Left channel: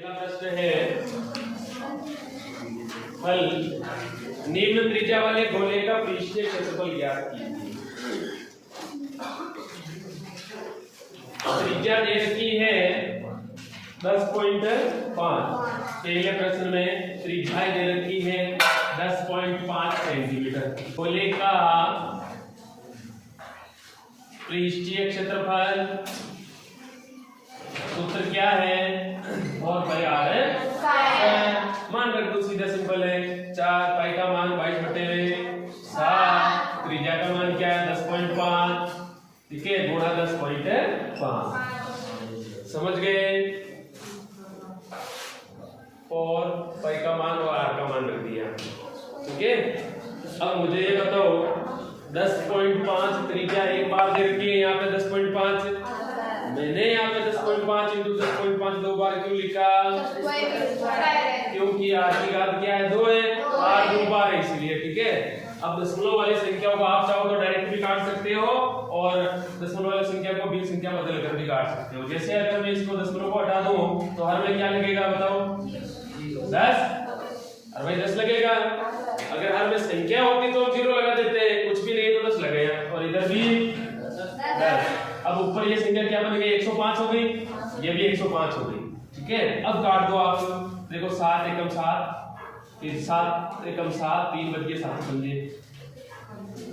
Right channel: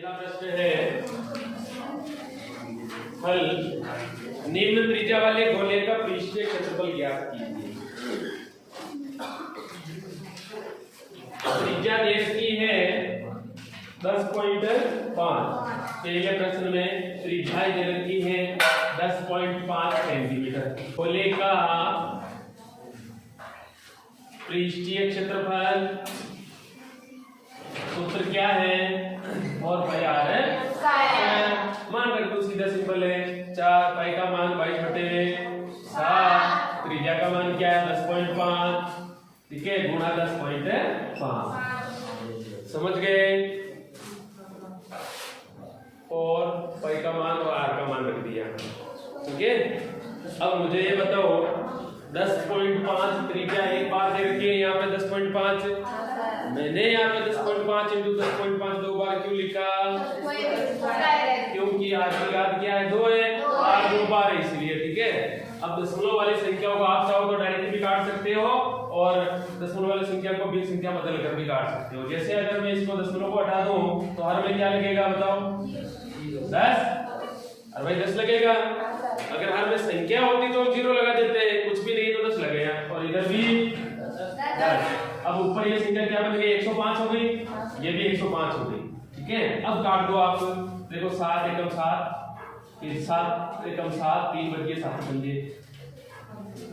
पहला प्रश्न है, हल निम्न त्रिज्या वाले गोले का पृष्ठीय क्षेत्रफल ज्ञात कीजिए। त्रिज्या देश की है 10.5। पहले प्रश्न में त्रिज्या दे रखी है 10.5 सेंटीमीटर। गोले का पृष्ठीय क्षेत्रफल सूत्र क्या है? बहुत बढ़िया है। मान रख दो, सीधा सिंपल है। 4 पाई का मान 22/7, त्रिज्या का मान क्या है? 10.5, ठीक है, गुणा 10.5। समझ गए? और पाई का मान और आर का मान रख दिया, ठीक है। अब मुझे ये बताओ, 10.5 त्रिज्या एक बार दे रखी है, यहाँ पे 10.5, मैंने यहाँ पे 10.5 × 10.5 दो बार क्यों लिखा? क्योंकि आर की घात क्या है? 2 है, आर 2 बार है इसलिए, ठीक है। अब दशमलव वाली संख्याओं को आप चाहो तो डायरेक्ट भी काट सकते हो और दशमलव वाली संख्या को भिन्न संख्या बदल कर भी काट सकते हो। जैसे अगर मैं इसको दशमलव को हटा दूं तो हर में क्या लगेगा बताओ? 10। और भाई 10 लगेगा। अगर हर में संख्या होती तो हम 0 लगा देते हैं, कुछ भी नहीं तो 10 लगेगा। और इधर भी 10। अब ऊपर ये संख्या क्या बन गई? 105 हो गई, ये भी 105 हो गई, ठीक है। अब काट दो आप, देखो 7 एकम 7, फिर 7 एकम 7, 3 बच गए 7 बन गए।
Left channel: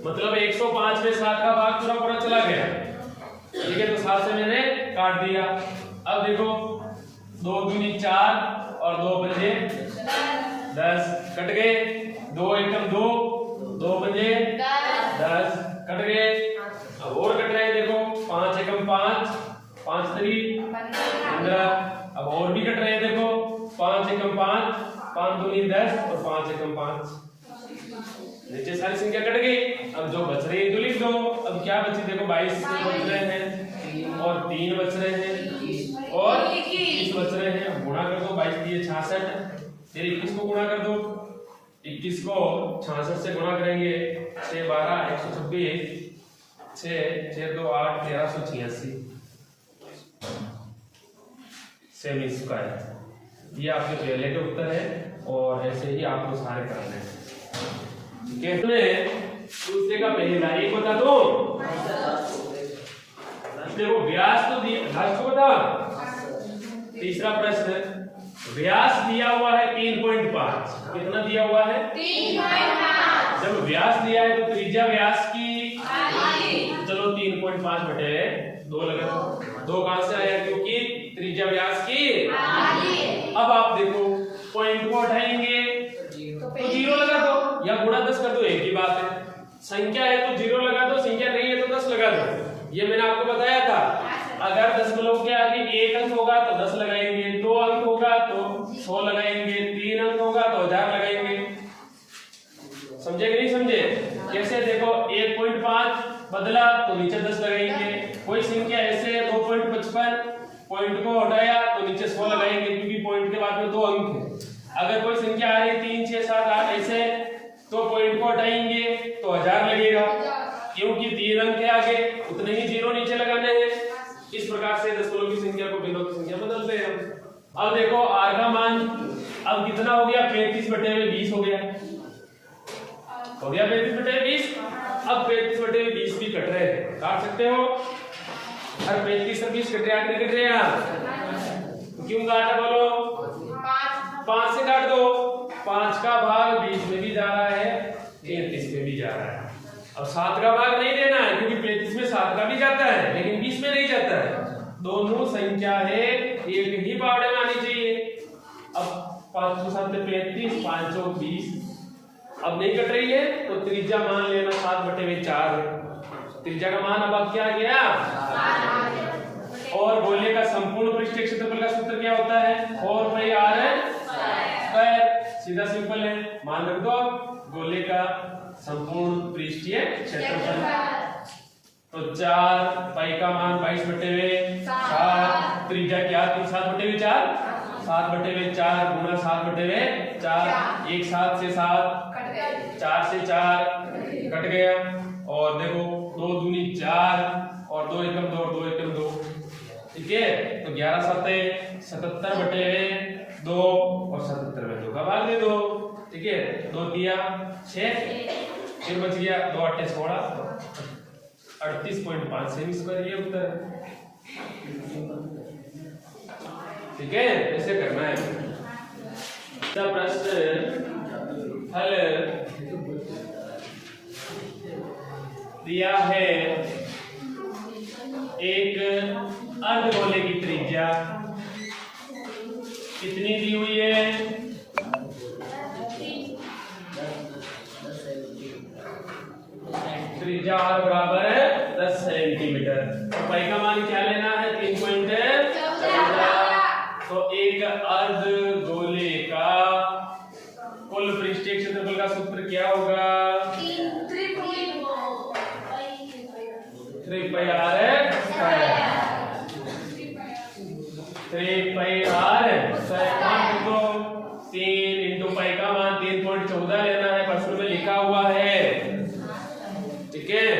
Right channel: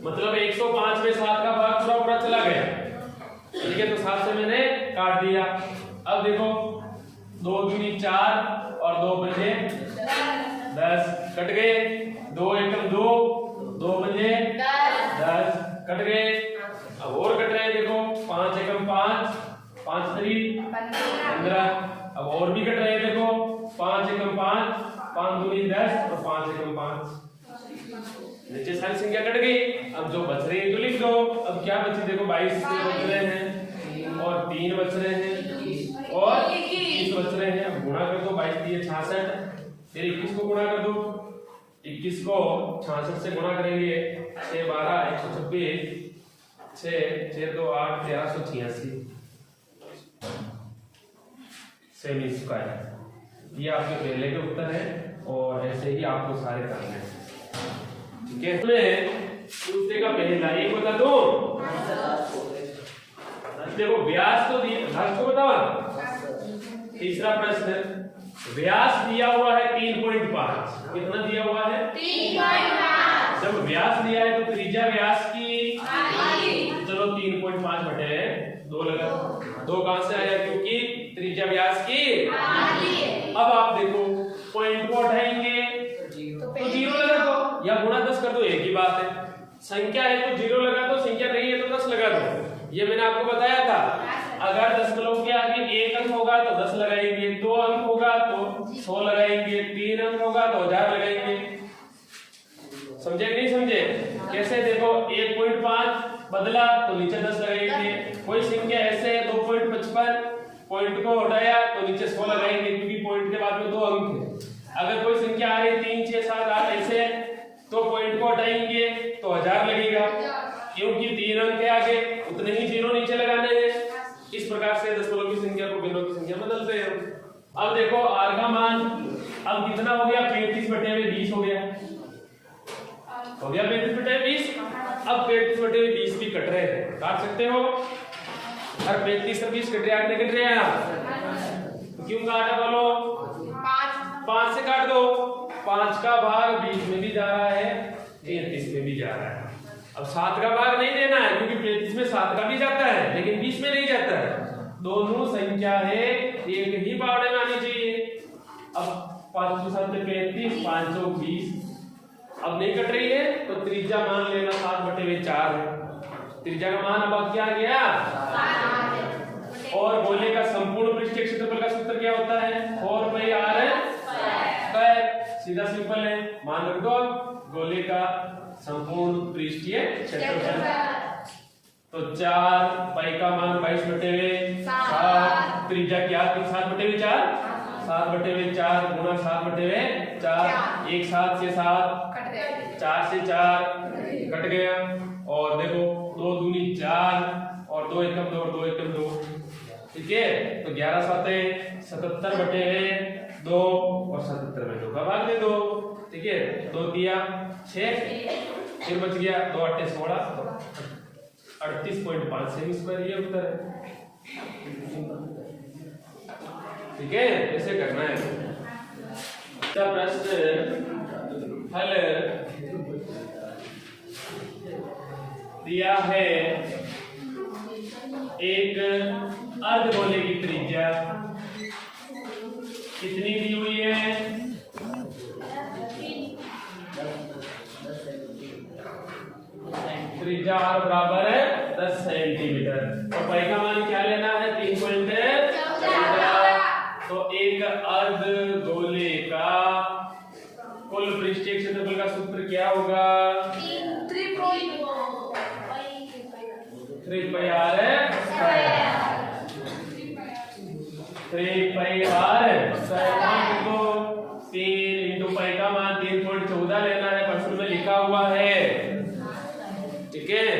मतलब 105 में 7 का भाग पूरा पूरा चला गया, ठीक है। तो 7 से मैंने काट दिया। अब देखो 2 दूनी 4 और 2 बचे 10, कट गए। 2 एकम 2, 2 बचे 10, कट गए। अब और कट रहे हैं, देखो 5 एकम 5, 5 3 15। अब और भी कट रहे हैं, देखो 5 एकम 5, 5 दूनी 10 और 5 एकम 5। नीचे सारी संख्या कट गई। अब जो बच रही है तो लिख दो। अब क्या बची? देखो 22 बच रहे हैं और 3 बच रहे हैं और 21 बच रहे हैं। अब गुणा कर दो, 22 दिए 66, फिर 21 को गुणा कर दो। 21 को 66 से गुणा करेंगे, 6 12 126, 6 6 2 8 1386 सेमी स्क्वायर। ये आपके पहले के उत्तर है और ऐसे ही आपको सारे करने हैं, ठीक है। दूसरे का पहला एक बता दो। देखो व्यास तो दिया, घास को बता। तीसरा प्रश्न, व्यास दिया हुआ है 3.5। कितना दिया हुआ है? 3.5। जब व्यास दिया है तो त्रिज्या व्यास की, चलो 3.5 बटे 2 लगा। 2 कहां से आया? क्योंकि त्रिज्या व्यास की। अब आप देखो पॉइंट को उठाएंगे तो 0 लगा दो या गुणा 10 कर दो, एक ही बात है। संख्या है तो 0 लगा दो, संख्या नहीं है तो 10 लगा दो। ये मैंने आपको बताया था। अगर दशमलव के आगे 1 अंक होगा तो 10 लगाएंगे, 2 अंक होगा तो 100 लगाएंगे, 3 अंक होगा तो 1000 लगाएंगे। समझे कि नहीं समझे? कैसे? देखो 1.5 बदला तो नीचे 10 लगाएंगे। कोई संख्या ऐसे है 2.55, पॉइंट को हटाया तो नीचे 100 लगाएंगे क्योंकि पॉइंट के बाद में 2 अंक है। अगर कोई संख्या आ रही 3 6 7 8 ऐसे तो पॉइंट को हटाएंगे तो 1000 लगेगा क्योंकि 3 अंक के आगे उतने ही 0 नीचे लगाने हैं। इस प्रकार से दशमलव की संख्या को भिन्नों की संख्या बदलते हैं। अब देखो आर का मान अब कितना हो गया? 35/20 हो गया। हो गया 35/20। अब 35/20 भी कट रहे हैं, काट सकते हो। अगर 35 से 20 कट रहे हैं, कट रहे हैं क्यों काटा? बोलो 5 से काट दो। 5 का भाग 20 में भी जा रहा है, 33 में भी जा रहा है। अब 7 का भाग नहीं देना है क्योंकि 35 में 7 का भी जाता है लेकिन 20 में नहीं जाता है। दोनों संख्या है एक ही बावड़े में आनी चाहिए। अब 5 7 35, 5 20 अब नहीं कट रही है तो त्रिज्या मान लेना 7/4 है। त्रिज्या का मान अब क्या गया? और गोले का संपूर्ण पृष्ठीय क्षेत्रफल का सूत्र क्या होता है? 4πr²। सीधा सिंपल है, मान रख दो। गोले का संपूर्ण पृष्ठीय क्षेत्रफल तो 4 पाई का मान 22/7, त्रिज्या क्या थी? 7/4, 7/4 गुणा 7/4, 1 7 से 7, 4 से 4 कट गया। और देखो 2 दूनी 4 और 2 एकम 2 और 2 एकम 2, ठीक है। तो 11 7 77/8 2 दिया 6, फिर बच गया 2 8 16, 38.5 सेमी स्क्वायर ये उत्तर है। ठीक है, ऐसे करना है। प्रश्न हल दिया है, एक अर्धगोले की त्रिज्या कितनी दी हुई है? त्रिज्या r बराबर है 10 सेंटीमीटर। और पाई का मान क्या लेना है? 3.14। तो एक अर्धगोले का कुल पृष्ठीय क्षेत्रफल का सूत्र क्या होगा? 3 पाई r स्क्वायर। 3 पाई r स्क्वायर तो 3 इंटू पाई का मान 3.14 लेना है, प्रश्न में लिखा हुआ है। ठीक है,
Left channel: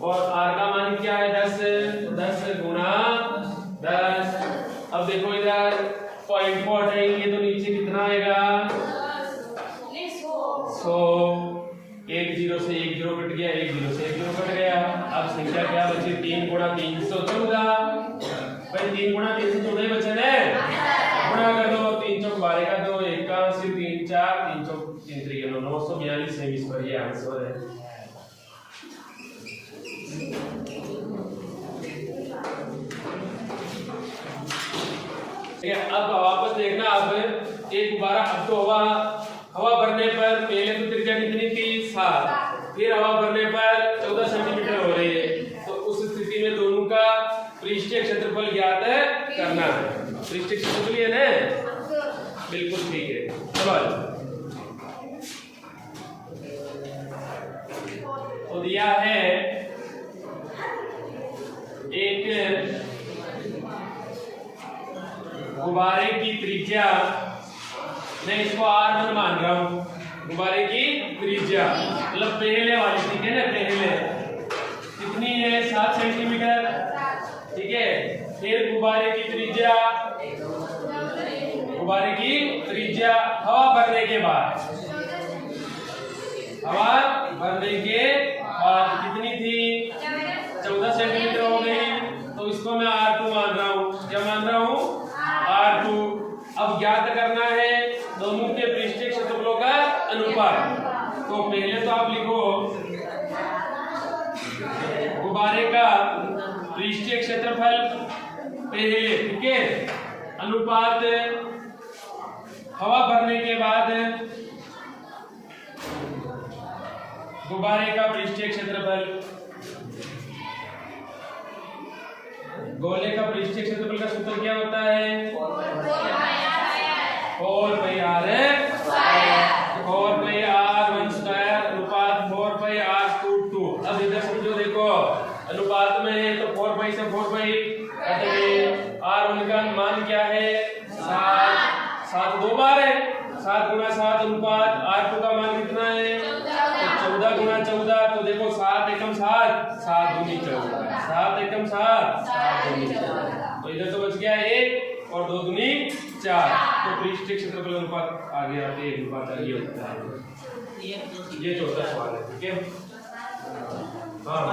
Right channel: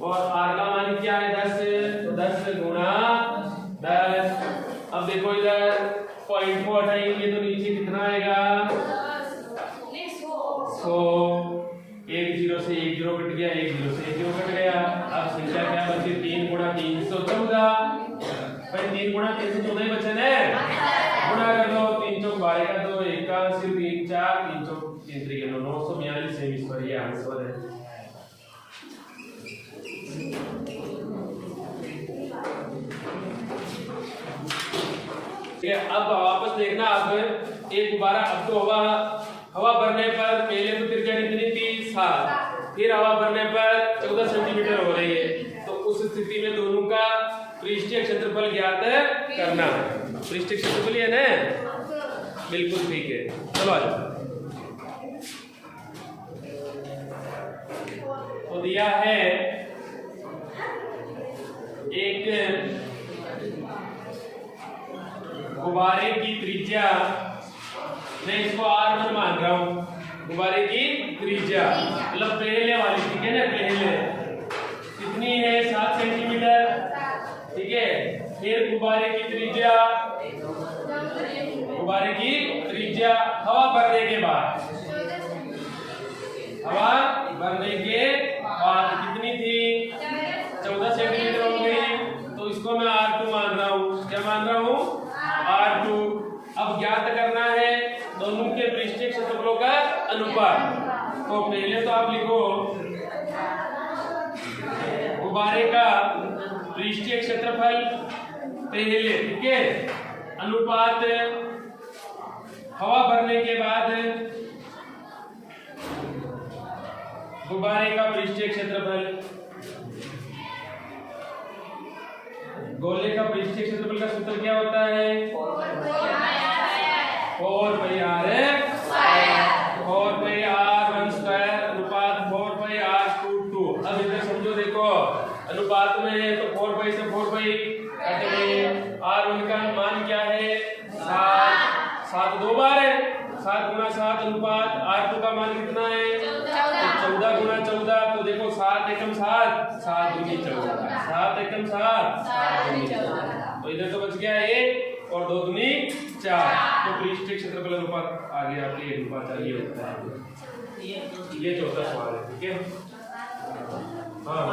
और r का मान क्या है? 10। तो 10 गुणा 10। अब देखो इधर पॉइंट को हटाएंगे तो नीचे कितना आएगा? 100। 1 0 से 1 0 कट गया, 1 0 से 1 0 कट गया। अब संख्या क्या बची? 3 गुणा 314। भाई 3 गुणा 314 ही बचे ना, गुणा कर दो। 3 चौक 12 का 2, 81, 3 4, 3 चौक 3 3 942 सेमी स्क्वायर ये आंसर है। अब वापस देखना, अब एक गुब्बारा, अब तो हवा भरने पर पहले तो त्रिज्या कितनी थी? 7, फिर हवा भरने पर 14 सेंटीमीटर हो रही है। तो उस स्थिति में दोनों का पृष्ठीय क्षेत्रफल ज्ञात करना है। पृष्ठीय क्षेत्रफल ये ना, बिल्कुल ठीक है। सवाल तो दिया है, एक गुब्बारे की त्रिज्या, मैं इसको r मान रहा हूं, गुब्बारे की त्रिज्या मतलब पहले वाली, ठीक है ना, पहले कितनी है? 7 सेंटीमीटर। ठीक है, फिर गुब्बारे की त्रिज्या हवा भरने के बाद, हवा भरने के बाद कितनी थी? 14 सेंटीमीटर हो गई। तो इसको मैं r2 मान रहा हूं। क्या मान रहा हूं? R2। अब ज्ञात करना है दोनों के पृष्ठीय क्षेत्रफलों का अनुपात। तो पहले तो आप लिखो गुब्बारे का पृष्ठीय क्षेत्रफल पहले, ठीक है, अनुपात हवा भरने के बाद गुब्बारे का पृष्ठीय क्षेत्रफल। गोले का पृष्ठीय क्षेत्रफल का सूत्र क्या होता है? 4 पाई r स्क्वायर अनुपात 4 पाई r/2। अब इधर समझो, देखो अनुपात में है तो 4 पाई से 4 पाई कट गए। r1 का मान क्या है? 7। 7 दो बार है, 7 गुणा 7 अनुपात r2 का मान कितना है? 14 गुणा 14। तो देखो 7 एकम 7, 7 दूनी 14, 7 एकम 7, 7 दूनी 14। तो इधर तो बच गया 1 और 2 दूनी 4। तो पृष्ठीय क्षेत्रफल अनुपात आगे आते हैं, अनुपात आगे होता है। ये चौथा सवाल है। ठीक है, हाँ।